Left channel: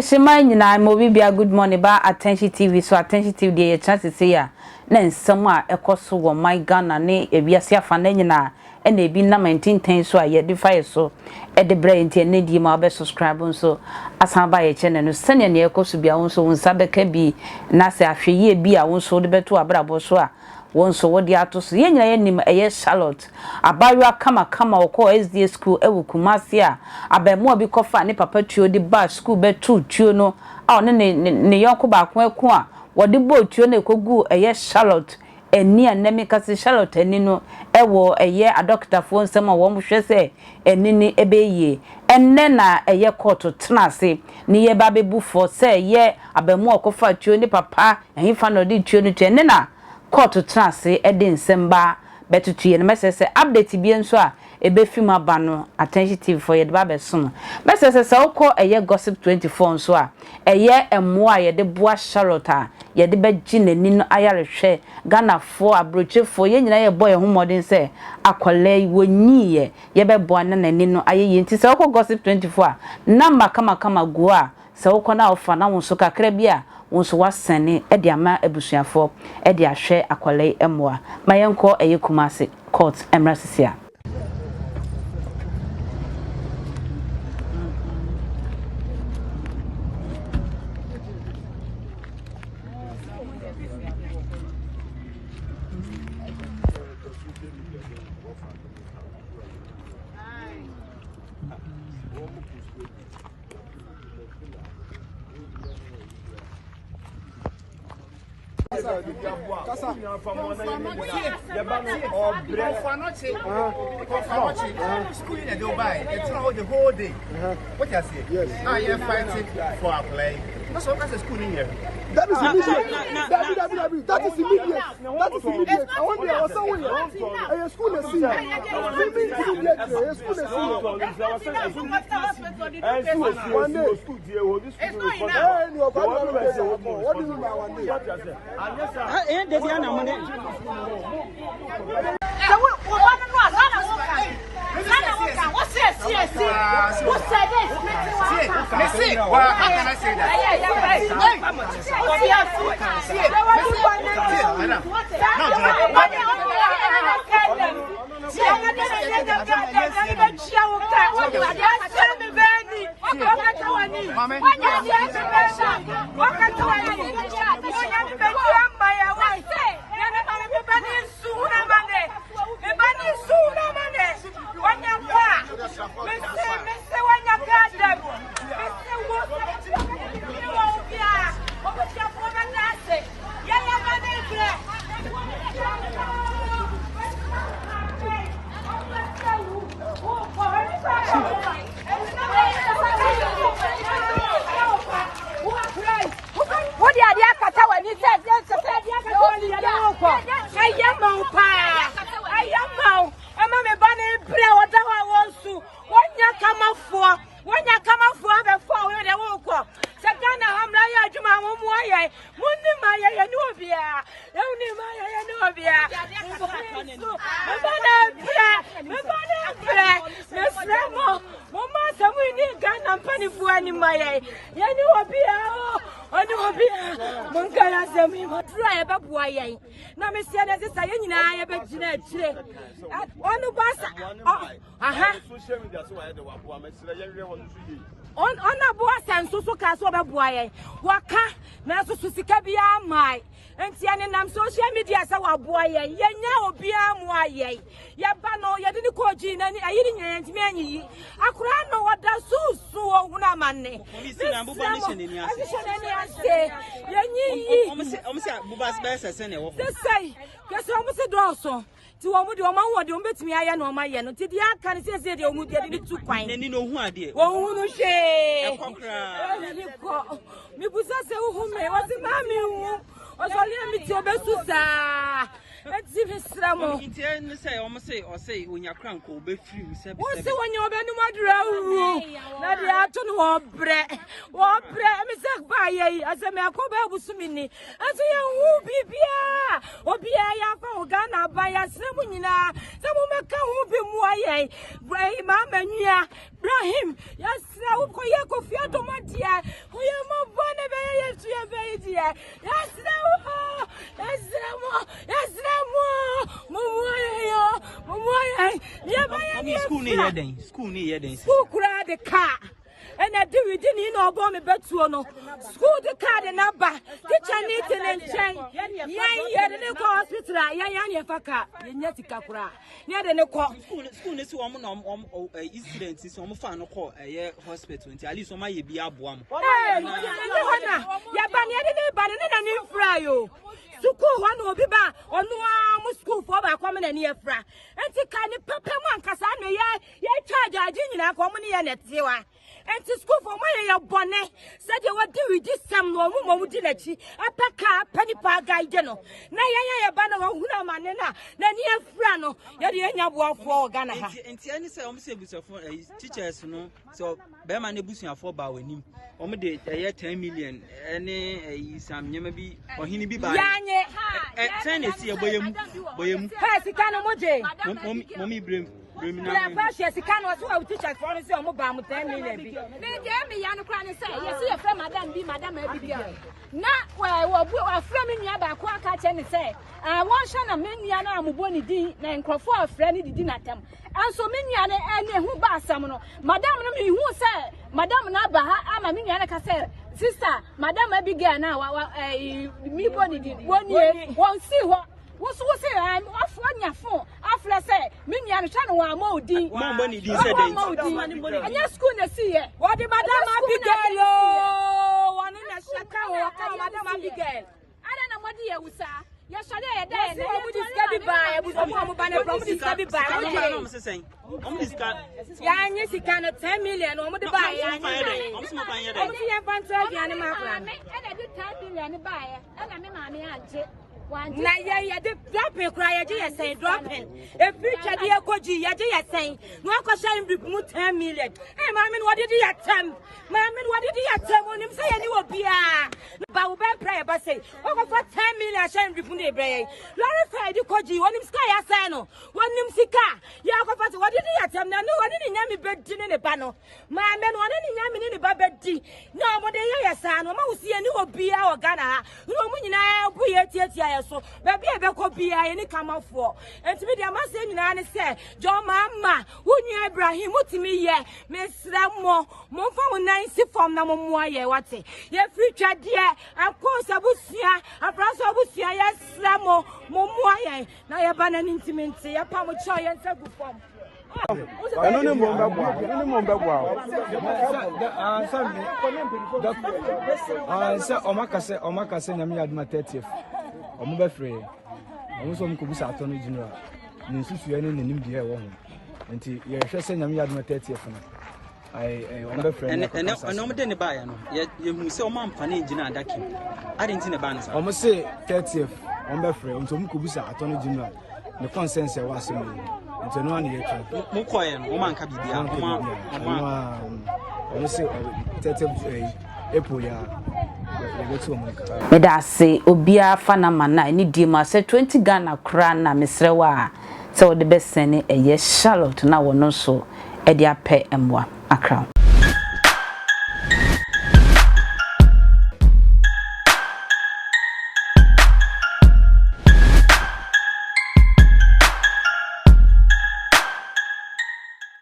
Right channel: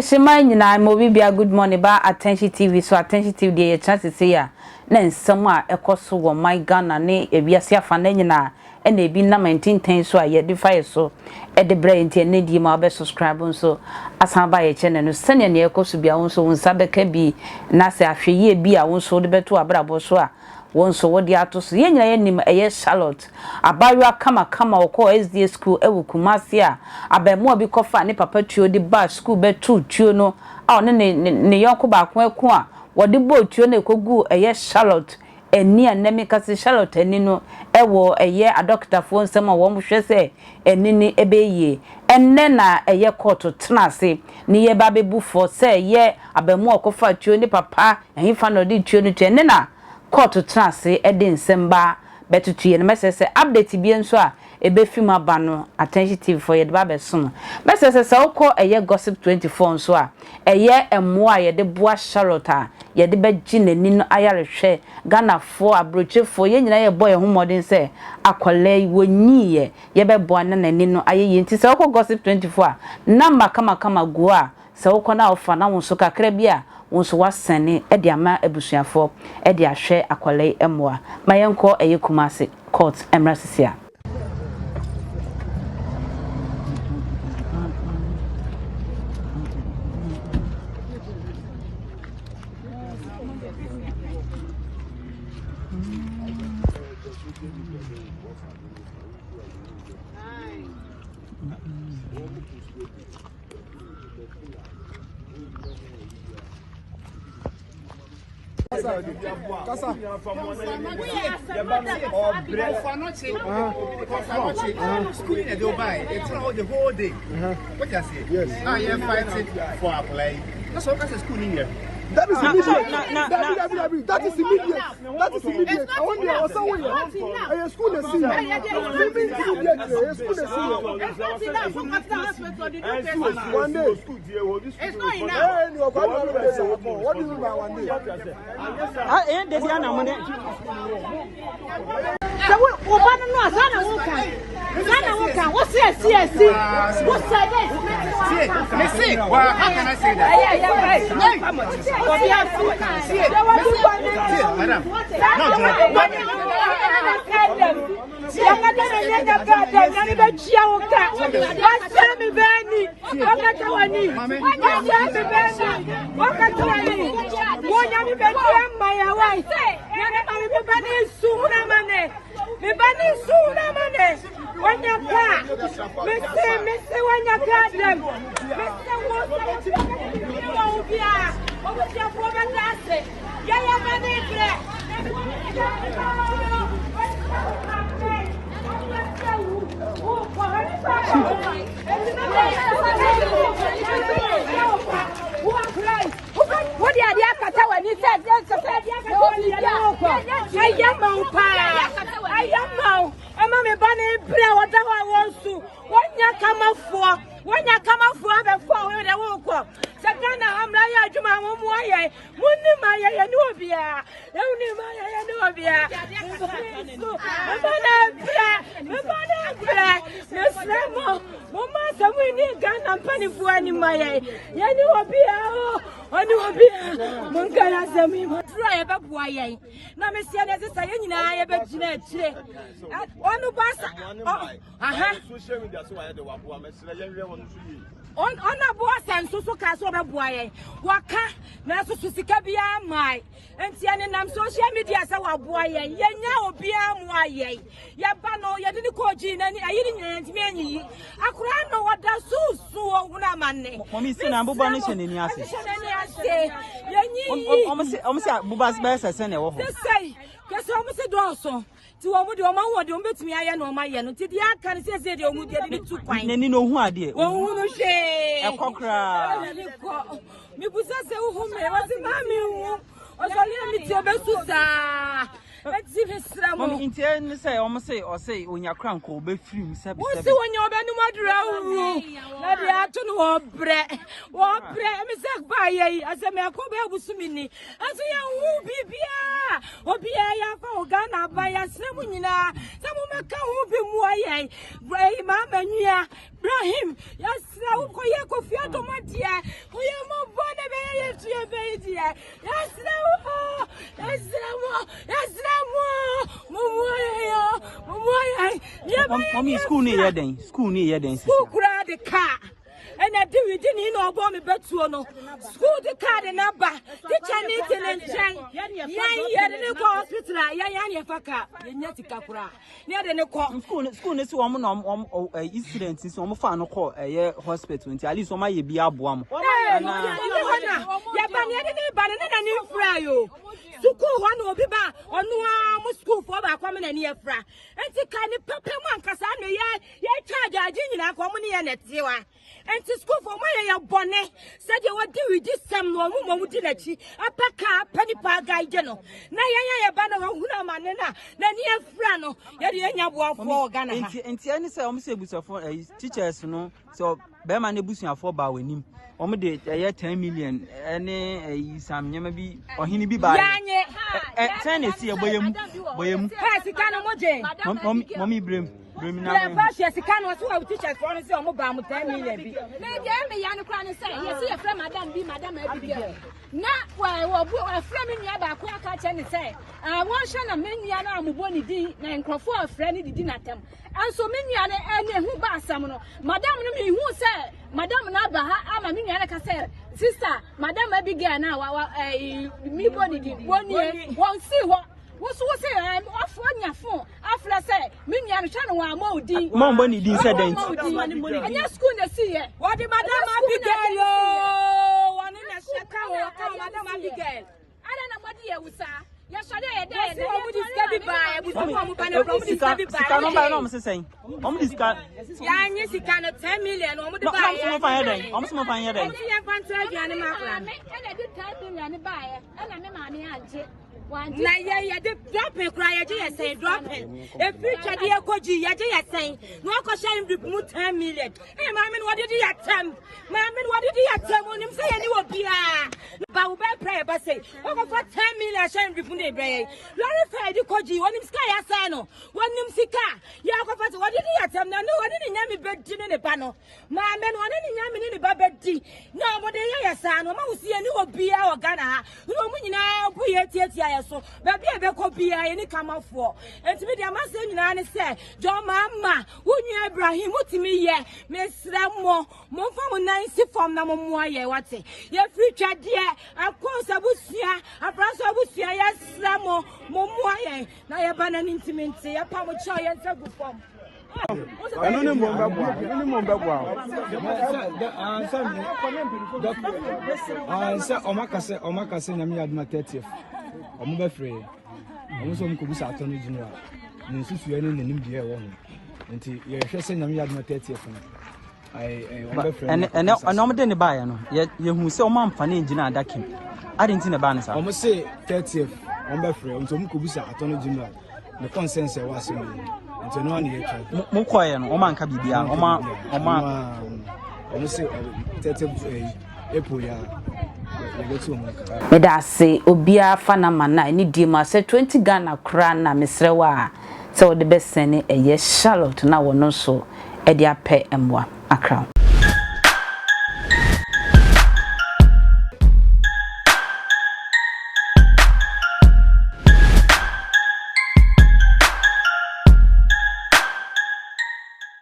Adishima nyina mo bibia good morning ba Attention TV so Attention TV dey chance say ya na nsem a ekoso wo my Ghana ne ebiase afa na nyina e na ebi na 1910 so a ye de fire so e de bra enti na di ma be subscribe so asan ba ye channel no sene na ekoso bia won so won sabeka bi na se ahweye bi a won so de beto abrabo so a won so wodi ato so ye nyina ye nim eye Sh0t abayo kama okọ SDA school ewu Kumasi a abemu obi kofa ne papa tuo di ba school be tuo no a ne yonko ba ko eku a wodi bo tuo na ekogu eye Sh0t eni anemi kasi Sh0t eni no ewo eye adoctafo nsem a wo hwe se eni ni ebeye enne na eye court tenase ni ye ba bebu for se ye abemu okofa tuo ni papa ehfa no di tuo no tuo enne na court tenase ede nsemba betutuye no mesese update bi enso a ebe film aba no Attention TV for ye de ba beso mesese se ukọ eye gossip 24 nso a eye emo a ye de boa Sh0t a ye de be ginani no ayarehwe Ghana fo abrochefo ye nyina ye boy homodin se akwale wonyiye ye be boa na nani no ayeye nti se ukọ gossip 24 a number kama go a se ukọ na ofa na won so kakra bi a won so wasane e de ama abusuafo e de ahwe akwale emoa mayenko eye Kumasi court emrasisia Schooling at Dubai, it's the whole day. What you say? I am fighting for a play. That's what that's schooling here. What's this? What's this? Well, how can I say that? Yeah, right. How much? What the idea when he said, I am I'm a banner prayer, whatever I want to. When you come up for the forward, I won't come. Sakana, I'm like, you my Maya, Mundi Maya, Nubia, only Maya, Nubia, Miss Remo, Mamma, we need gun and penny for any Maya. Yanubia, Monkara, Sami, drive up Waya. Now, Miss Yana, I have a genetic. On the bus, on a boss and so cast over boy. Waka, Nasu Sikabia, my, and Tian and social media, so boy, Yanya, Bia, Moye, Yabano, Yabino, and I didn't many. I could know what that's so money. Mommy, in your say, almost Bubas best as any of us say, that's almost a drawson. To your mama, don't bet me. I know my yen. Until the other can say they will get it too fine. And you know who I did. Oh, no, say a cockra. Me was who may was a mammy. Was only me to your best. Let's see, Mr. mo nti en say o say onya kran ko be free se be wo si wonya obenu madura wu na de ato no obre me say ba ye ase me akoba abusumi ni ase ye wu bibia obi ya fa Ghana ba ya srebu nyina se mo maka hu bi mu aye ma manua Ibrahim yasra wo koye kofi automatia koye mo bone be ye tue be dia yasra Mommy school ni yeden school kura the car and I do it in no bomb betuo no school the car the number teacher need and chain yan ko hospital yan faka nyati kakura nya de ne ko school ne si wo no students si wo fa no ko hospital nti ali so ma ye bi aboa mo na ya ba ne de ba ne na ni fra yo school one obi ba onu am school for ba kwame na ni efra enti ka ni papa man kasa no ye charge agi nyina ko mo ne ye netewa enti school for my ya bone said you what do we do some no mo wudi na chi apaka pani pa gaije no na ye ba na hu na mane na ni efra no ye de nya bo afo Ghana ha enti ani say o mo say busafo teachers no so be ma na busuafo ba wanim omo de 10 million ene sam nyama bi ohini bi ba yanye ten na si boyem ha sika no mo je mommy brem na ya ba she sika no so we teacher for no say omo ba mo 10 million bi me je me ya no kwa no say yes ye frɛ madam abi girl na wo frɛ me nua ba ko aka che ne say won hwe na me nua na amobɔ ni din na nkrofo frɛ ni didi na tam anso me nua na ane hu ba asam no madam no me hu say madam na ba ha ama me nua na ka say sister madam abi girl na mi bɔ ni din woni won si ho wo say afọ nyafo afla say me nua no hwa no wa ma odin mo mbɔ ni din say den anya school na si ye what the madam abi girl yo one na shaka wo ka madam abi girl ada na modi ye wusa ya sori ye dey na omu diska bi ba e bu so mo ba na omu diska bi ba sika no ba no mo say sen omu diska ya nyi sika no 10 million omu de ba ye omu fa ye den omu so fa ye den omu ye fan to aduane ma ko ana di 10 million ba ye ana me ma me anje na ye de dropping cry ye je say dropping e future de ekoji ye je ye say no akosha ndip mu 10 million eh ma me no de ye tem ma me no de ye tem onim say ye ni obia ba wo be pray ba say o go for 10 million sha ndip ne bre lori fa de koji onim sika ya say no onim sika ya go for wo de ye tem na no woni ni nyame bedi ne ba no ma me no woni ni nyame ne ba bedi no mo de ye say no ma wo sie ni obia o Ghana ha no mu nyina bu ye tietia so baby e be ko bia ye ni kamafo enti de ma se nyina ne se jo mama wunye Ibrahim mutimi ye mesra mo fa mo nan si fom na mo mo ye wate ye future de akosa busia abraso busia ye sra mo mo ye na ye ba na intimate ye pa mo cho ye nsa gu fom Ani mo mbagwa. Omakase nyame yaduma 30th. Omo be free. Omo so mko bisa attorney general. Ni susu ye no nim die wo ho. Nti ye hwe se nyame yaduma 30th no. Omo be free. And omo de ne ba ye no. Ye hu se omo amfa ne gina adakim. Ade nti ne ba ne sa. Omo se 30th. Omo be free. Nti omo ko bisa attorney general. The consensus e wa se mo. Nti no an ye kan. Mo koye no omo anka bibia. Omo se 30th April ya. Meda se obia fana mana ni di ma se 20 Ghana kra na mesrewa se o de besene eye Sh0t na wono so e de apɛ emwa akra